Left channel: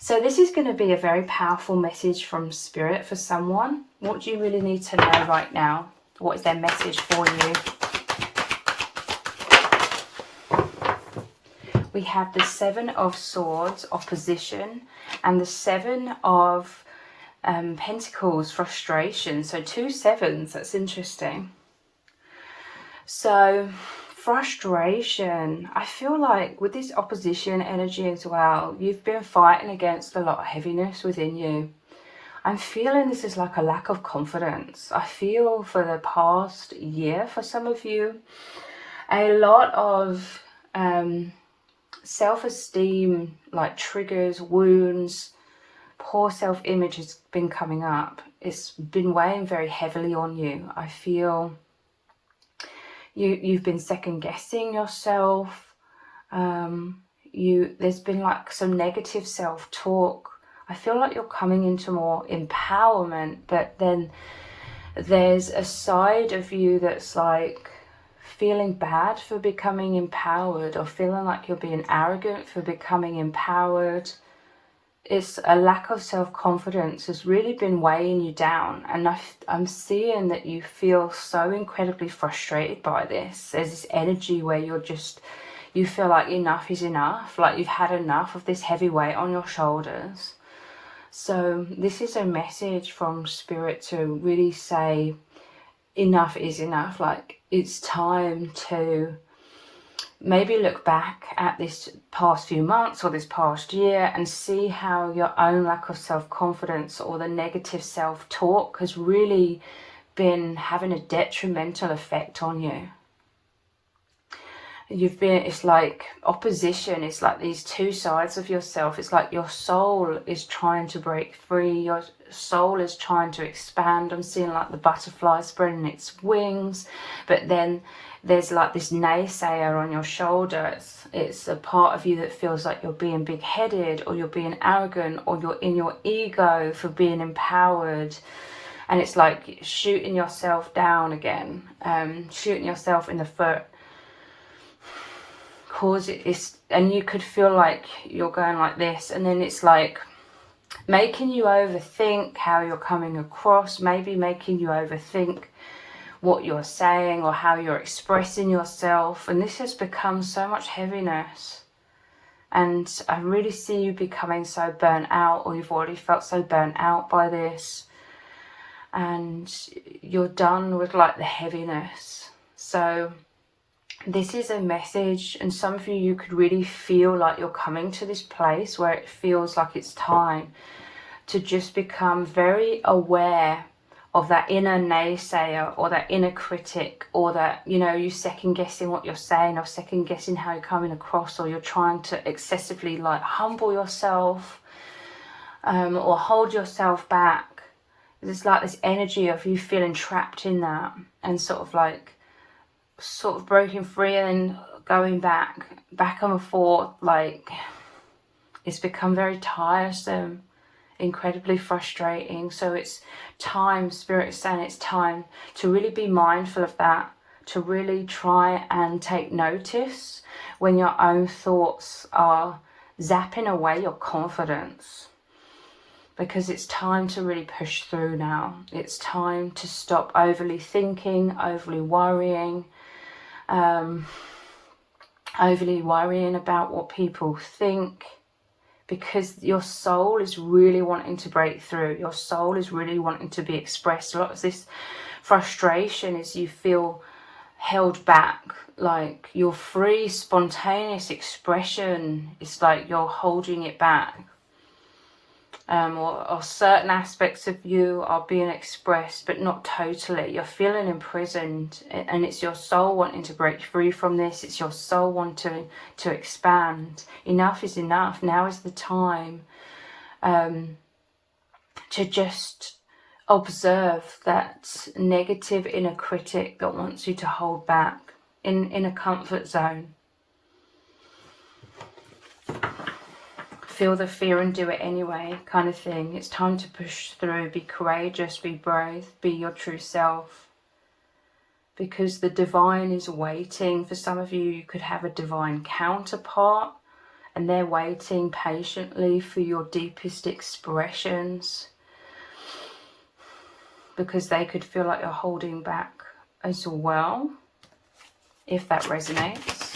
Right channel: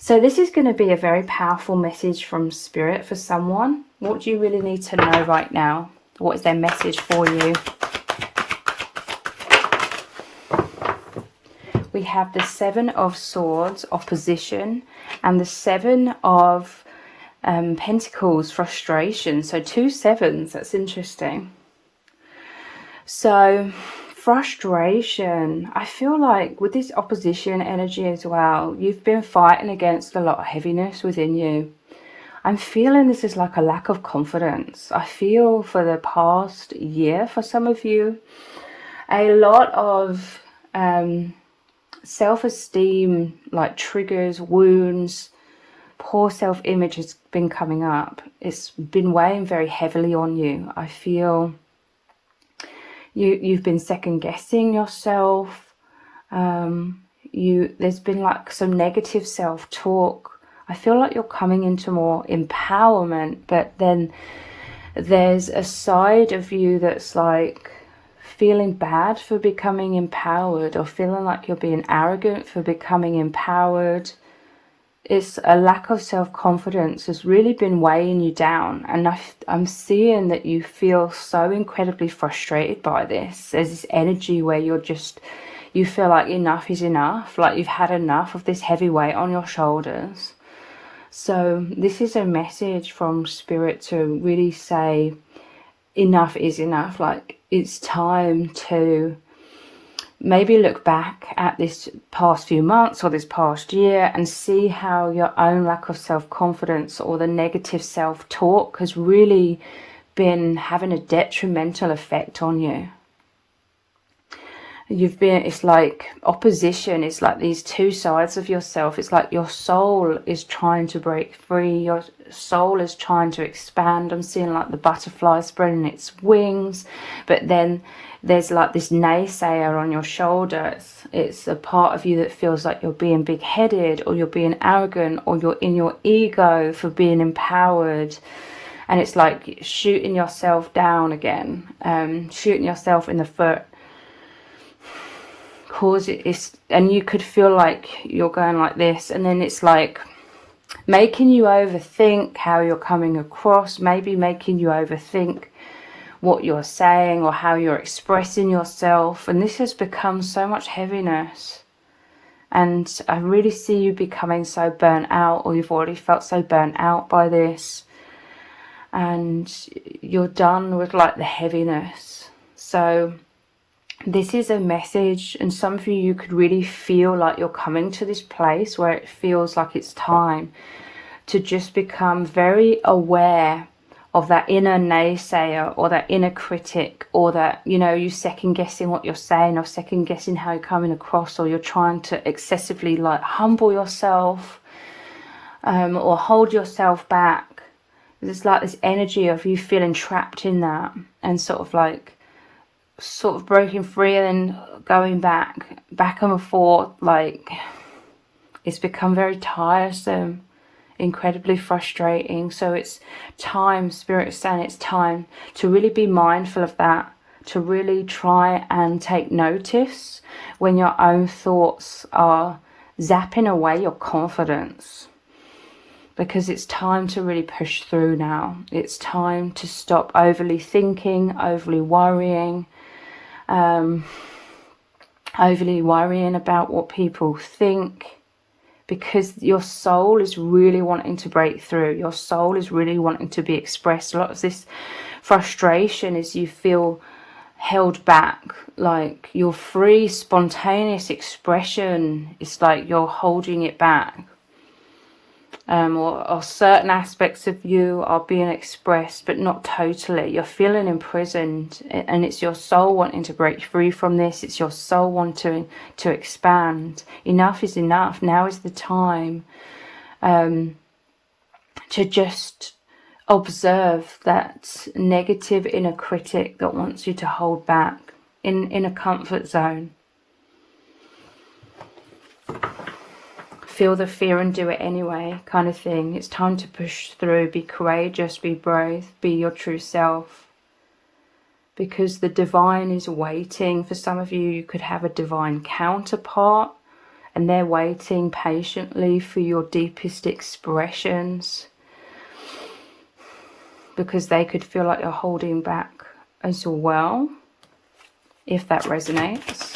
So this is going to be a very powerful message from Spirit for someone. What do you really need to know right now? What is their message for you? We have the Seven of Swords, opposition, and the Seven of Pentacles, frustration. So 2 sevens, that's interesting. So frustration, I feel like with this opposition energy as well, you've been fighting against a lot of heaviness within you. I'm feeling this is like a lack of confidence. I feel for the past year, for some of you, a lot of self-esteem, like triggers, wounds, poor self-image has been coming up. It's been weighing very heavily on you. I feel you've been second-guessing yourself. There's been like some negative self-talk. I feel like you're coming into more empowerment, but then there's a side of you that's like feeling bad for becoming empowered, or feeling like you're being arrogant for becoming empowered. It's a lack of self-confidence has really been weighing you down, and I'm seeing that you feel so incredibly frustrated by this. There's this energy where you feel like enough is enough, like you've had enough of this heavy weight on your shoulders. So this is a message from Spirit to really say enough is enough. Like it's time to maybe look back at this past few months or this past year and see how your own lack of self-confidence or the negative self-talk has really been having a detrimental effect on you. It's like opposition. It's like these 2 sides of yourself. It's like your soul is trying to break free. Your soul is trying to expand. I'm seeing like the butterfly spreading its wings, but then there's like this naysayer on your shoulder. It's a part of you that feels like you're being big-headed, or you're being arrogant, or you're in your ego for being empowered. And it's like shooting yourself down again, shooting yourself in the foot. And you could feel like you're going like this, and then it's like making you overthink how you're coming across, maybe making you overthink what you're saying or how you're expressing yourself. And this has become so much heaviness, and I really see you becoming so burnt out, or you've already felt so burnt out by this, and you're done with like the heaviness. So this is a message, and some of you could really feel like you're coming to this place where it feels like it's time to just become very aware of that inner naysayer, or that inner critic, or that, you're second guessing what you're saying, or second guessing how you're coming across, or you're trying to excessively like humble yourself, or hold yourself back. There's like this energy of you feeling trapped in that, and sort of breaking free and then going back and forth. Like it's become very tiresome, incredibly frustrating. So it's time, Spirit is saying it's time to really be mindful of that, to really try and take notice when your own thoughts are zapping away your confidence, because it's time to really push through now. It's time to stop overly thinking, overly worrying about what people think, because your soul is really wanting to break through. Your soul is really wanting to be expressed. A lot of this frustration is you feel held back, like your free, spontaneous expression is like you're holding it back. Or certain aspects of you are being expressed, but not totally. You're feeling imprisoned, and it's your soul wanting to break free from this. It's your soul wanting to expand. Enough is enough. Now is the time to just observe that negative inner critic that wants you to hold back in a comfort zone. Feel the fear and do it anyway kind of thing. It's time to push through, be courageous, be brave, be your true self, because the divine is waiting. For some of you, you could have a divine counterpart, and they're waiting patiently for your deepest expressions, because they could feel like you're holding back as well, if that resonates.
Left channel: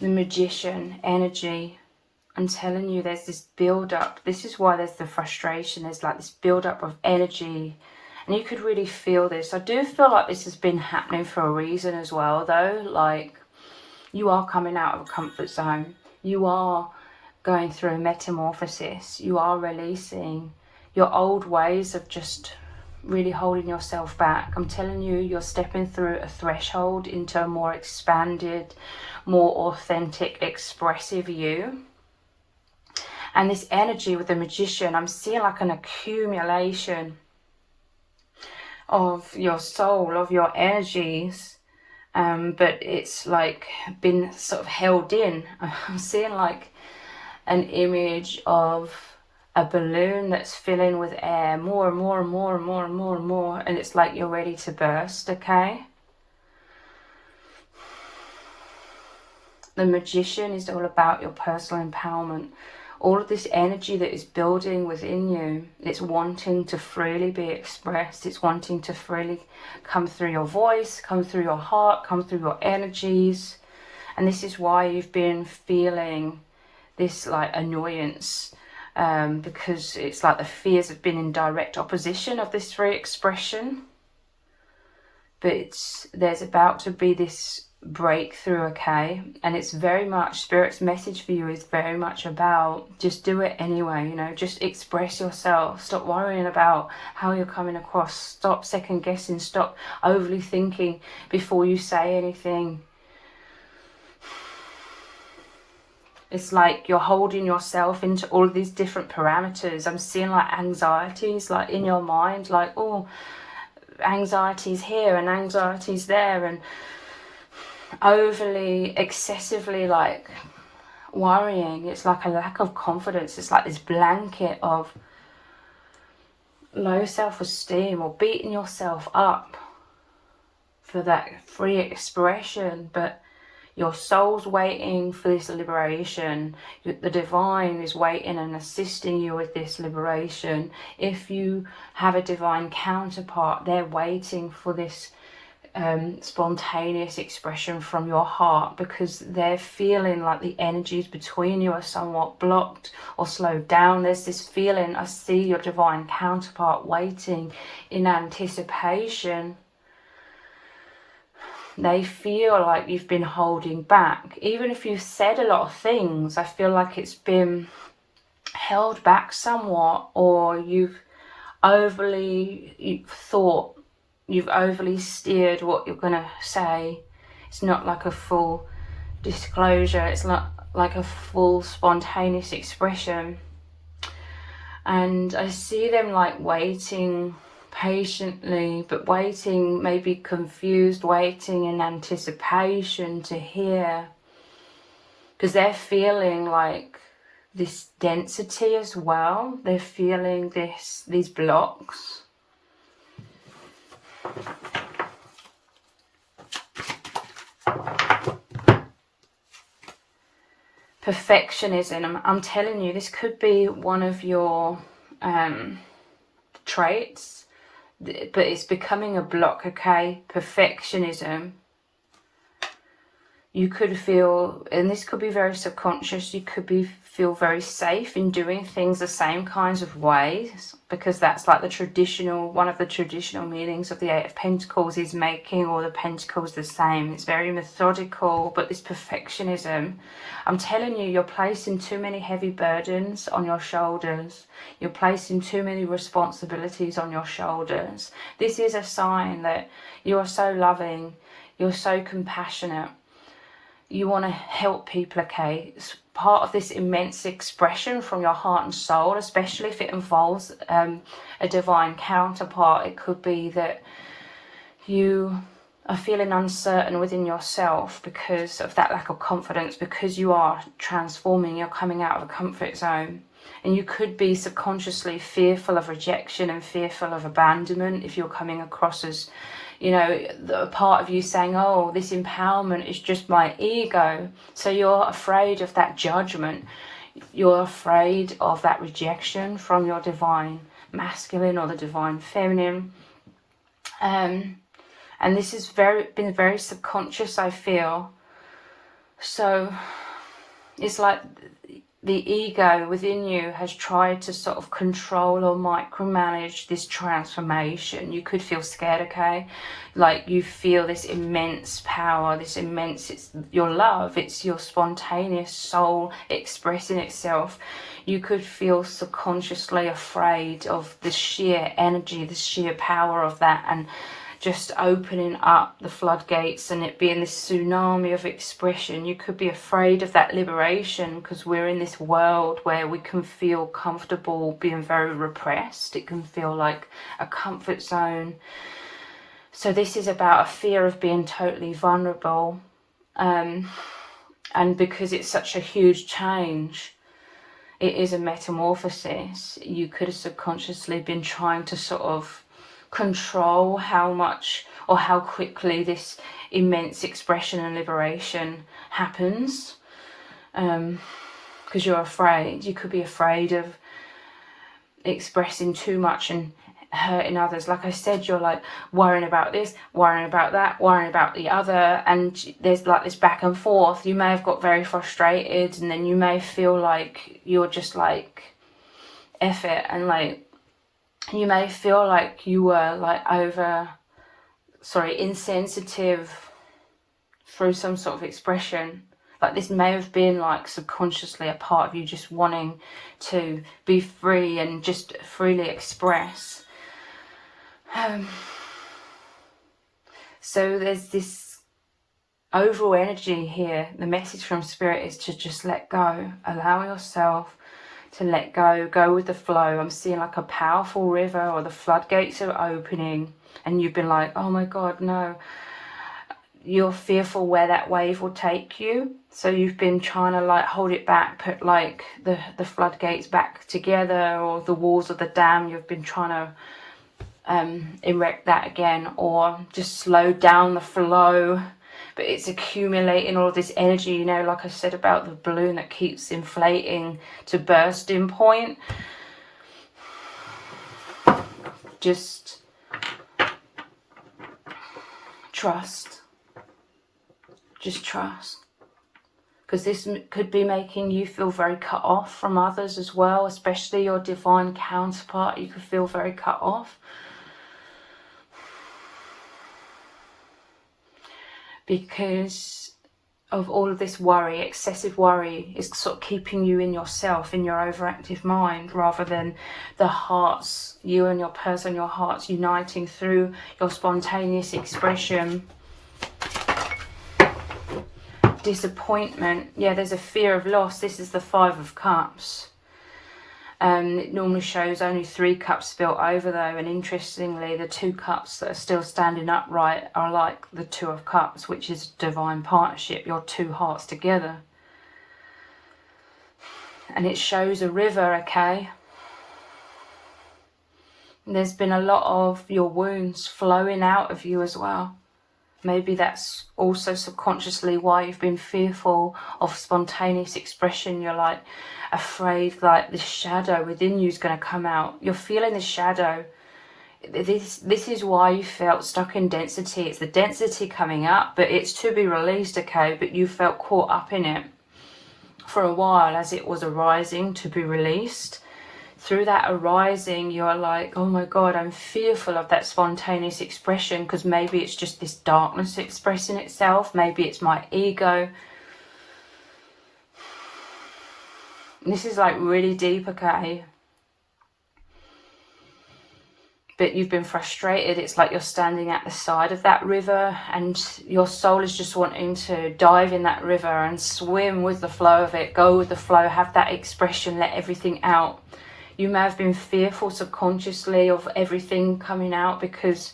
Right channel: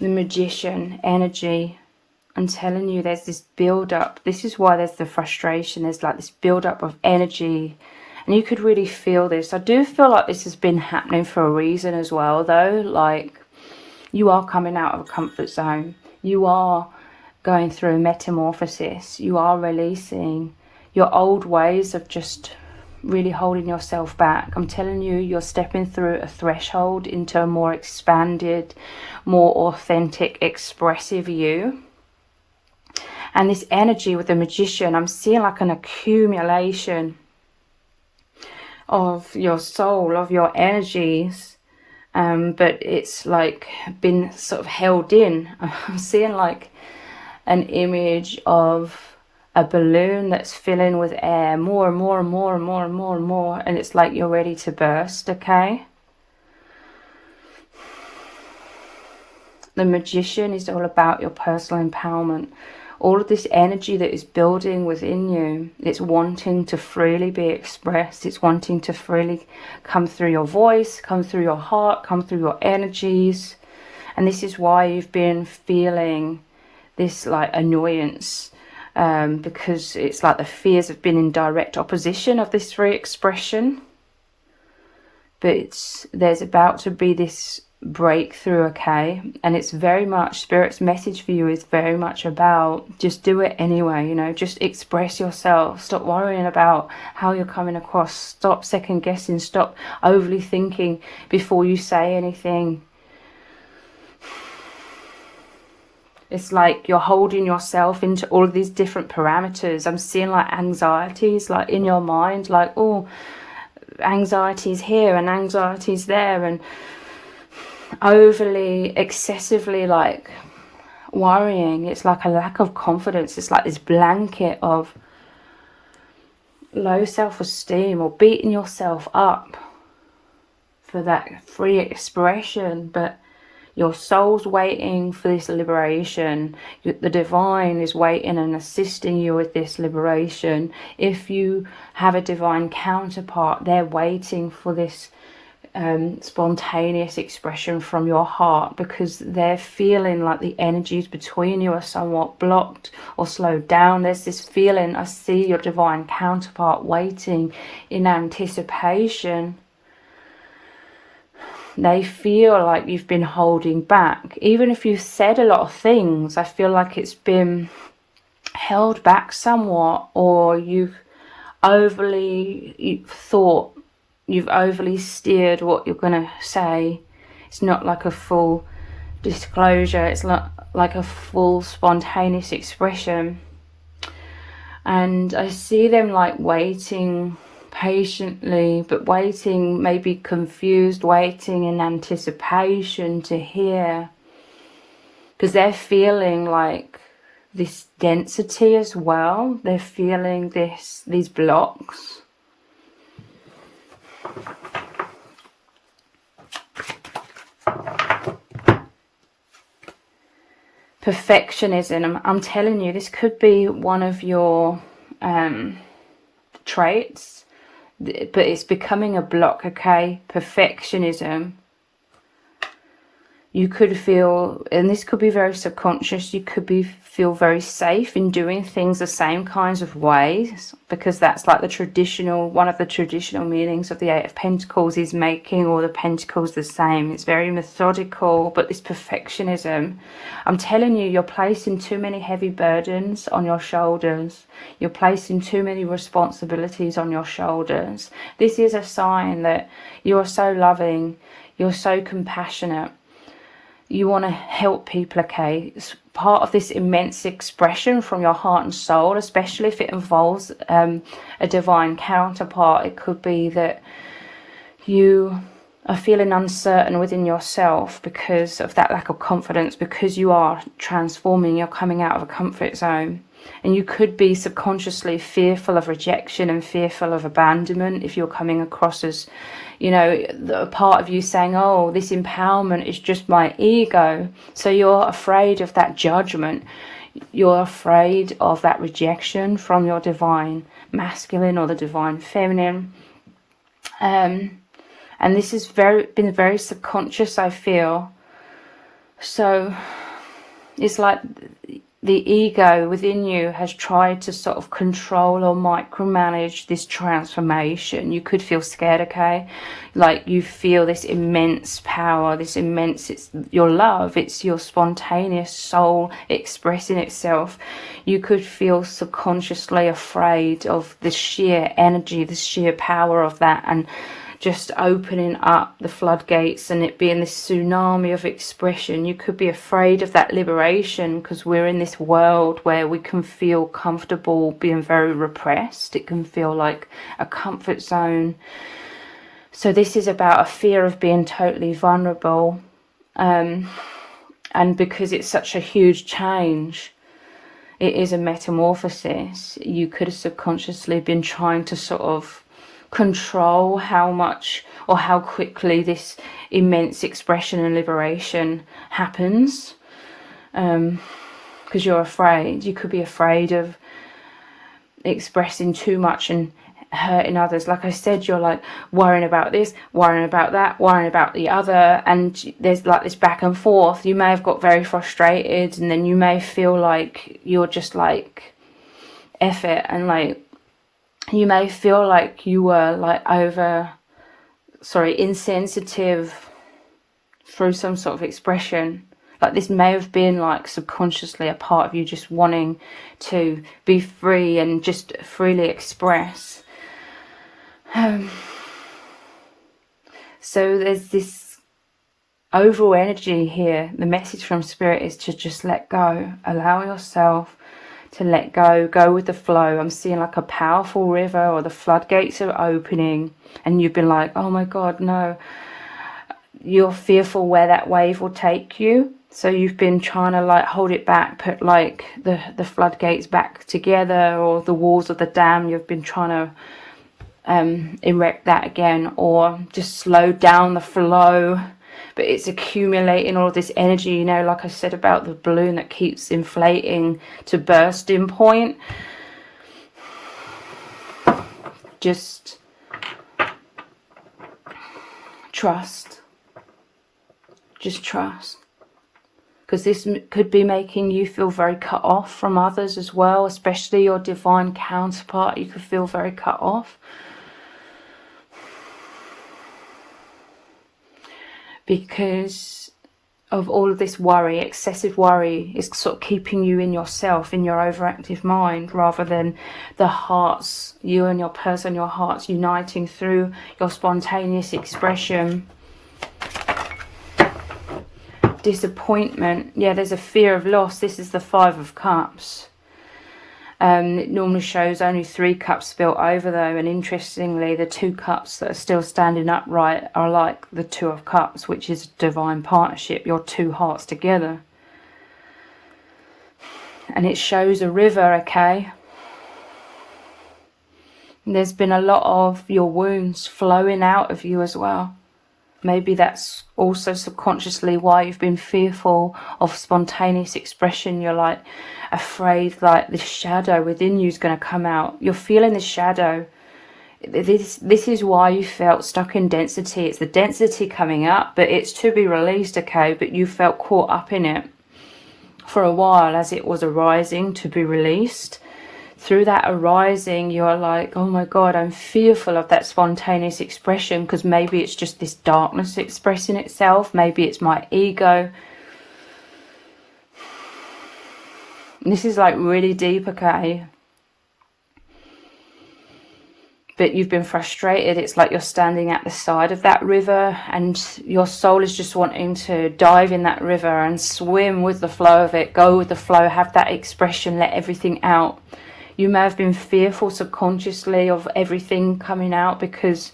The Magician energy. I'm telling you, there's this build up. This is why there's the frustration. There's like this build up of energy, and you could really feel this. I do feel like this has been happening for a reason as well, though. Like, you are coming out of a comfort zone. You are going through a metamorphosis. You are releasing your old ways of just really holding yourself back. I'm telling you, you're stepping through a threshold into a more expanded, more authentic, expressive you. And this energy with the Magician, I'm seeing like an accumulation of your soul, of your energies, but it's like been sort of held in. I'm seeing like an image of a balloon that's filling with air, more and more and more and more and more and more, and it's like you're ready to burst. Okay, the Magician is all about your personal empowerment. All of this energy that is building within you, it's wanting to freely be expressed. It's wanting to freely come through your voice, come through your heart, come through your energies. And this is why you've been feeling this like annoyance, because it's like the fears have been in direct opposition of this free expression. But there's about to be this breakthrough, okay? And it's very much, Spirit's message for you is very much about just do it anyway, you know, just express yourself. Stop worrying about how you're coming across. Stop second guessing. Stop overly thinking before you say anything. It's like you're holding yourself into all of these different parameters. I'm seeing like anxieties like in your mind, like, oh, anxiety's here and anxiety's there, and overly, excessively like worrying. It's like a lack of confidence. It's like this blanket of low self-esteem, or beating yourself up for that free expression. But your soul's waiting for this liberation. The divine is waiting and assisting you with this liberation. If you have a divine counterpart, they're waiting for this spontaneous expression from your heart, because they're feeling like the energies between you are somewhat blocked or slowed down. There's this feeling, I see your divine counterpart waiting in anticipation. They feel like you've been holding back. Even if you've said a lot of things, I feel like it's been held back somewhat, or you've overly steered what you're going to say. It's not like a full disclosure. It's not like a full spontaneous expression. And I see them like waiting patiently, but waiting, maybe confused, waiting in anticipation to hear, because they're feeling like this density as well. They're feeling these blocks. Perfectionism. I'm telling you, this could be one of your traits, but it's becoming a block, okay? Perfectionism. You could feel, and this could be very subconscious, you could feel very safe in doing things the same kinds of ways, because that's like one of the traditional meanings of the Eight of Pentacles is making all the pentacles the same. It's very methodical. But this perfectionism, I'm telling you, you're placing too many heavy burdens on your shoulders. You're placing too many responsibilities on your shoulders. This is a sign that you are so loving, you're so compassionate. You want to help people, okay? It's part of this immense expression from your heart and soul, especially if it involves a divine counterpart. It could be that you are feeling uncertain within yourself because of that lack of confidence, because you are transforming, you're coming out of a comfort zone. And you could be subconsciously fearful of rejection and fearful of abandonment if you're coming across as, You know, a part of you saying, oh, this empowerment is just my ego. So you're afraid of that judgment. You're afraid of that rejection from your divine masculine or the divine feminine. And this has been very subconscious, I feel. So it's like the ego within you has tried to sort of control or micromanage this transformation. You could feel scared, okay? Like you feel this immense power, this immense, it's your love, it's your spontaneous soul expressing itself. You could feel subconsciously afraid of the sheer energy, the sheer power of that, and just opening up the floodgates and it being this tsunami of expression. You could be afraid of that liberation because we're in this world where we can feel comfortable being very repressed. It can feel like a comfort zone. So this is about a fear of being totally vulnerable. And because it's such a huge change, it is a metamorphosis. You could have subconsciously been trying to sort of control how much or how quickly this immense expression and liberation happens, because you're afraid. You could be afraid of expressing too much and hurting others. Like I said, you're like worrying about this, worrying about that, worrying about the other, and there's like this back and forth. You may have got very frustrated, and then you may feel like you're just like F it, and like you may feel like you were like insensitive through some sort of expression. Like this may have been like subconsciously a part of you just wanting to be free and just freely express. So there's this overall energy here. The message from Spirit is to just let go, allow yourself to let go, go with the flow. I'm seeing like a powerful river, or the floodgates are opening, and you've been like, oh my God, no. You're fearful where that wave will take you. So you've been trying to like hold it back, put like the floodgates back together, or the walls of the dam. You've been trying to erect that again, or just slow down the flow. But it's accumulating all this energy, you know, like I said about the balloon that keeps inflating to bursting point. Just trust. Just trust. Because this could be making you feel very cut off from others as well, especially your divine counterpart. You could feel very cut off. Because of all of this worry, excessive worry is sort of keeping you in yourself, in your overactive mind, rather than the hearts, you and your person, your hearts uniting through your spontaneous expression. Disappointment. Yeah, there's a fear of loss. This is the 5 of Cups. It normally shows only 3 cups spilt over though, and interestingly the 2 cups that are still standing upright are like the 2 of Cups, which is divine partnership, your 2 hearts together. And it shows a river, okay? And there's been a lot of your wounds flowing out of you as well. Maybe that's also subconsciously why you've been fearful of spontaneous expression. You're like afraid like the shadow within you is going to come out. You're feeling the shadow. This is why you felt stuck in density. It's the density coming up, but it's to be released, okay? But you felt caught up in it for a while as it was arising to be released. Through that arising, you're like, oh my God, I'm fearful of that spontaneous expression, because maybe it's just this darkness expressing itself. Maybe it's my ego. And this is like really deep, okay? But you've been frustrated. It's like you're standing at the side of that river and your soul is just wanting to dive in that river and swim with the flow of it, go with the flow, have that expression, let everything out. You may have been fearful subconsciously of everything coming out because,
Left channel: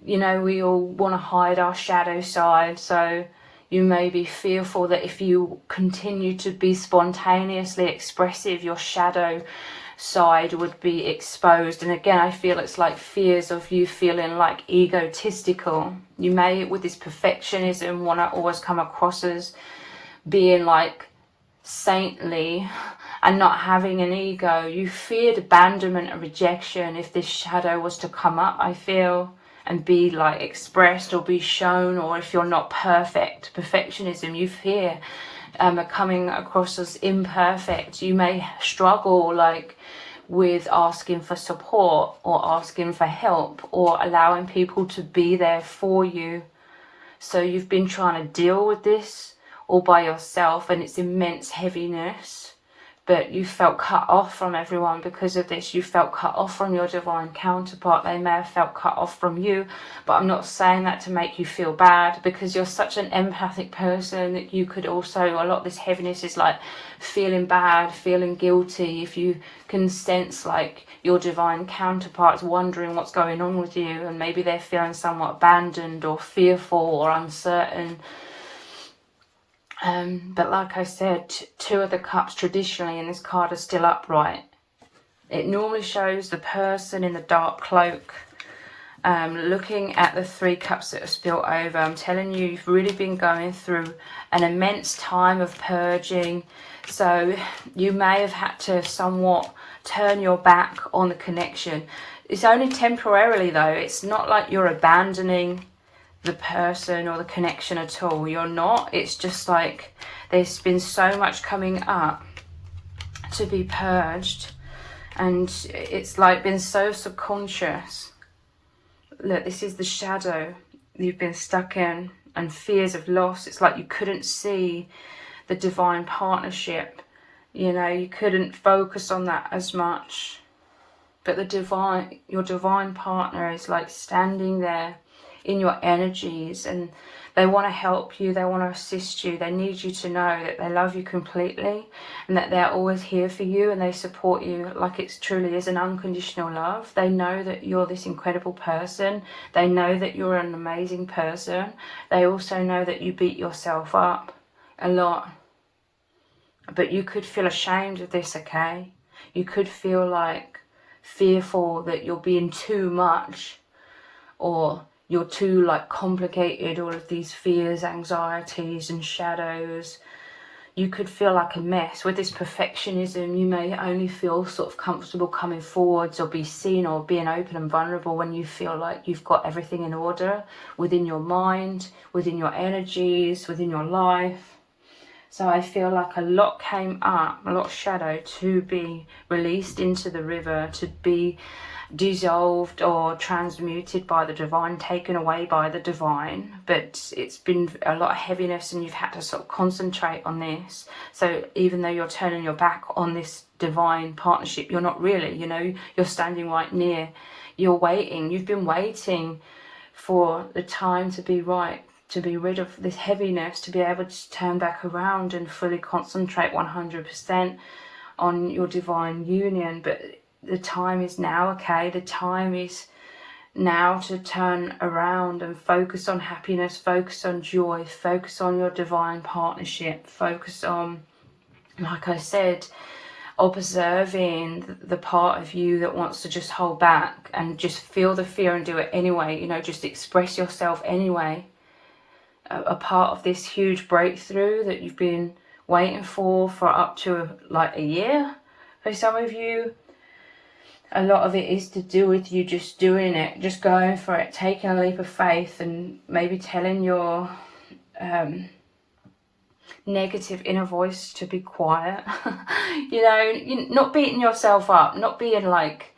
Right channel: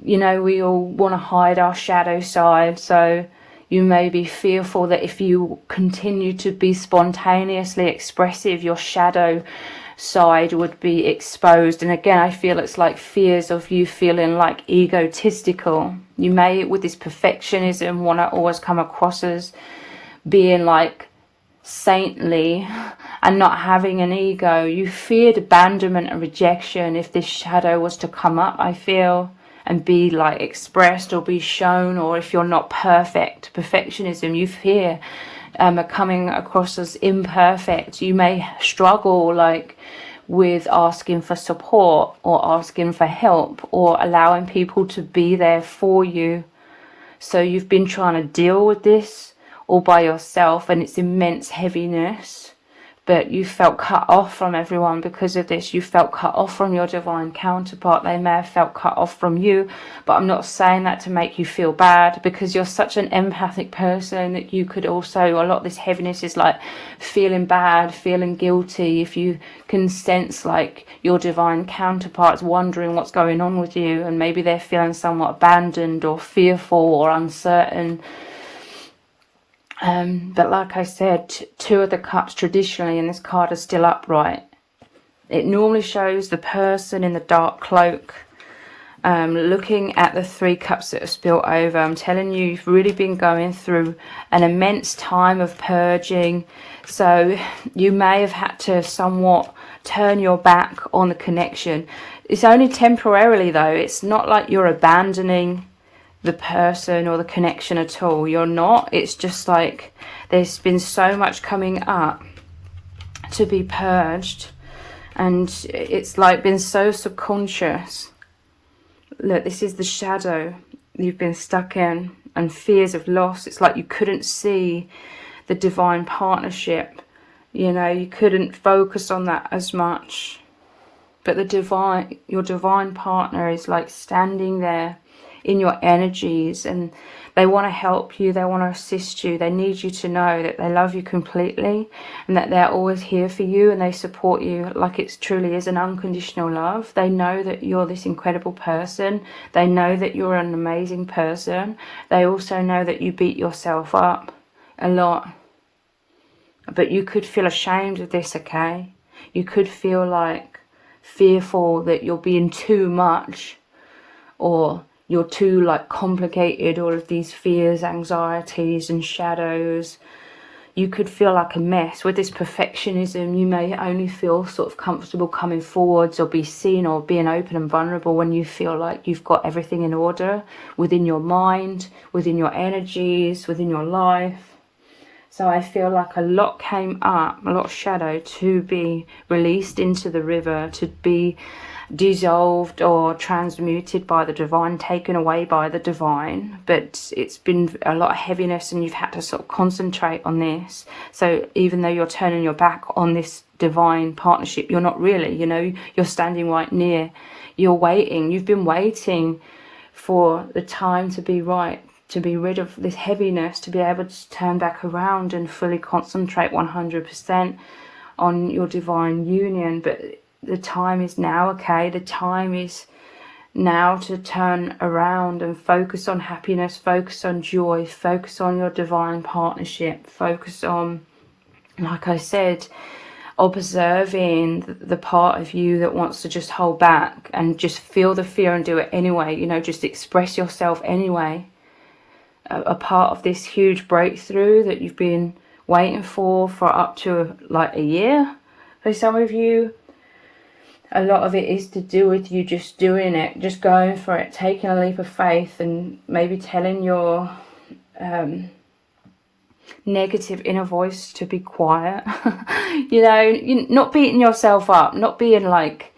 you know, we all want to hide our shadow side. So You may be fearful that if you continue to be spontaneously expressive, your shadow side would be exposed. And again, I feel it's like fears of you feeling like egotistical. You may, with this perfectionism, want to always come across as being like saintly and not having an ego. You feared abandonment and rejection if this shadow was to come up, I feel, and be like expressed or be shown, or if you're not perfect. Perfectionism, you fear coming across as imperfect. You may struggle like with asking for support or asking for help or allowing people to be there for you. So you've been trying to deal with this all by yourself, and it's immense heaviness. But you felt cut off from everyone because of this. You felt cut off from your divine counterpart. They may have felt cut off from you, but I'm not saying that to make you feel bad, because you're such an empathic person that you could also, a lot of this heaviness is like feeling bad, feeling guilty. If you can sense like your divine counterpart's wondering what's going on with you, and maybe they're feeling somewhat abandoned or fearful or uncertain. But like I said, Two of the Cups traditionally in this card are still upright. It normally shows the person in the dark cloak looking at the Three Cups that are spilt over. I'm telling you, you've really been going through an immense time of purging. So you may have had to somewhat turn your back on the connection. It's only temporarily though. It's not like you're abandoning the person or the connection at all. You're not. It's just like there's been so much coming up to be purged, and it's like been so subconscious. Look, this is the shadow you've been stuck in, and fears of loss. It's like you couldn't see the divine partnership, you know, you couldn't focus on that as much. But your divine partner is like standing there in your energies, and they want to help you, they want to assist you. They need you to know that they love you completely and that they're always here for you, and they support you like it truly is an unconditional love. They know that you're this incredible person. They know that you're an amazing person. They also know that you beat yourself up a lot, but you could feel ashamed of this, okay? You could feel like fearful that you're being too much, or you're too like complicated, all of these fears, anxieties and shadows. You could feel like a mess. With this perfectionism, you may only feel sort of comfortable coming forwards or be seen or being open and vulnerable when you feel like you've got everything in order within your mind, within your energies, within your life. So I feel like a lot came up, a lot of shadow to be released into the river, to be dissolved or transmuted by the divine, taken away by the divine. But it's been a lot of heaviness, and you've had to sort of concentrate on this. So even though you're turning your back on this divine partnership, you're not really, you know, you're standing right near, you're waiting, you've been waiting for the time to be right, to be rid of this heaviness, to be able to turn back around and fully concentrate 100% on your divine union. But the time is now, okay? The time is now to turn around and focus on happiness, focus on joy, focus on your divine partnership, focus on, like I said, observing the part of you that wants to just hold back and just feel the fear and do it anyway, you know, just express yourself anyway. A part of this huge breakthrough that you've been waiting for up to like a year for some of you. A lot of it is to do with you just doing it, just going for it, taking a leap of faith, and maybe telling your negative inner voice to be quiet. You know, not beating yourself up, not being like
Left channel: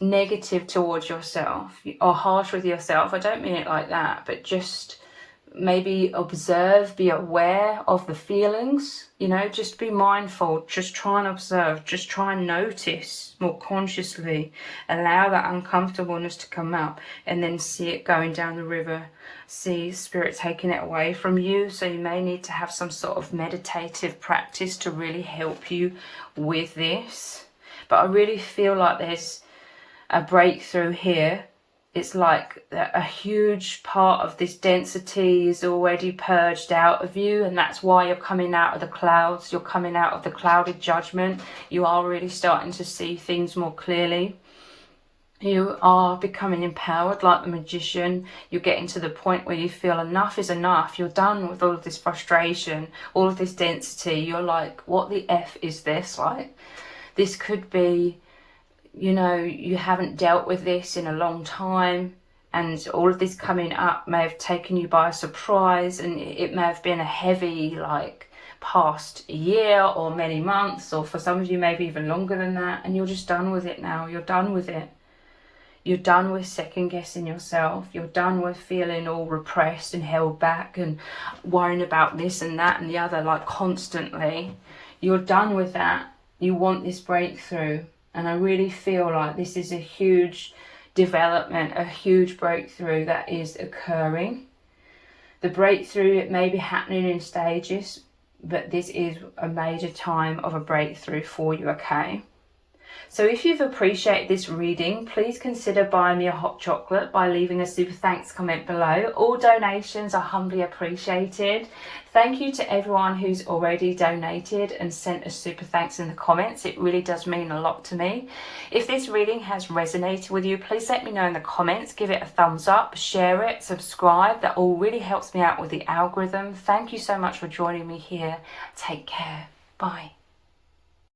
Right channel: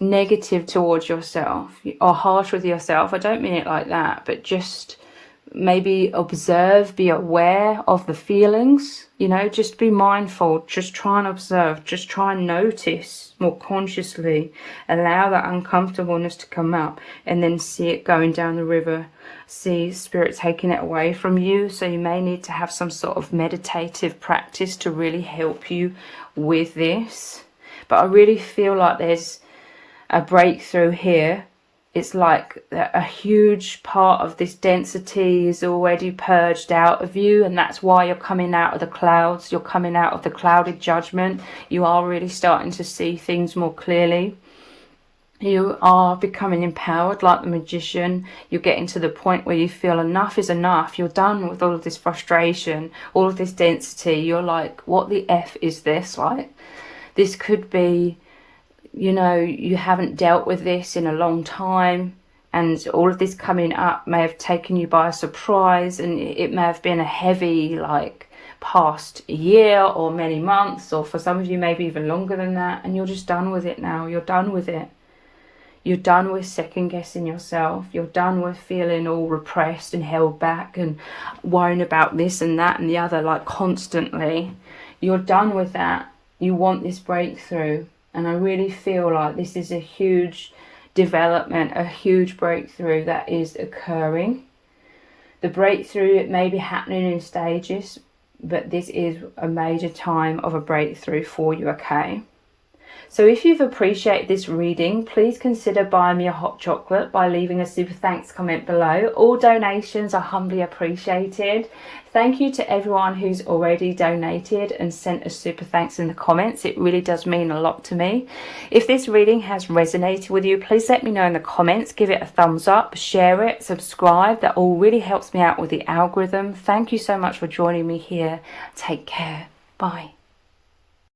negative towards yourself or harsh with yourself. I don't mean it like that, but just maybe observe, be aware of the feelings, you know, just be mindful, just try and observe, just try and notice more consciously, allow that uncomfortableness to come up, and then see it going down the river, see spirit taking it away from you. So you may need to have some sort of meditative practice to really help you with this. But I really feel like there's a breakthrough here it's like a huge part of this density is already purged out of you, and that's why you're coming out of the clouds. You're coming out of the clouded judgment. You are really starting to see things more clearly. You are becoming empowered like the magician. You're getting to the point where you feel enough is enough. You're done with all of this frustration, all of this density. You're like, what the F is this? Like, this could be, you know, you haven't dealt with this in a long time, and all of this coming up may have taken you by surprise, and it may have been a heavy, like, past year or many months, or for some of you maybe even longer than that, and you're just done with it now. You're done with it. You're done with second guessing yourself. You're done with feeling all repressed and held back and worrying about this and that and the other, like, constantly. You're done with that. You want this breakthrough. And I really feel like this is a huge development, a huge breakthrough that is occurring. The breakthrough, it may be happening in stages, but this is a major time of a breakthrough for you, okay? So if you've appreciated this reading, please consider buying me a hot chocolate by leaving a super thanks comment below. All donations are humbly appreciated. Thank you to everyone who's already donated and sent a super thanks in the comments. It really does mean a lot to me. If this reading has resonated with you, please let me know in the comments. Give it a thumbs up, share it, subscribe. That all really helps me out with the algorithm. Thank you so much for joining me here. Take care. Bye.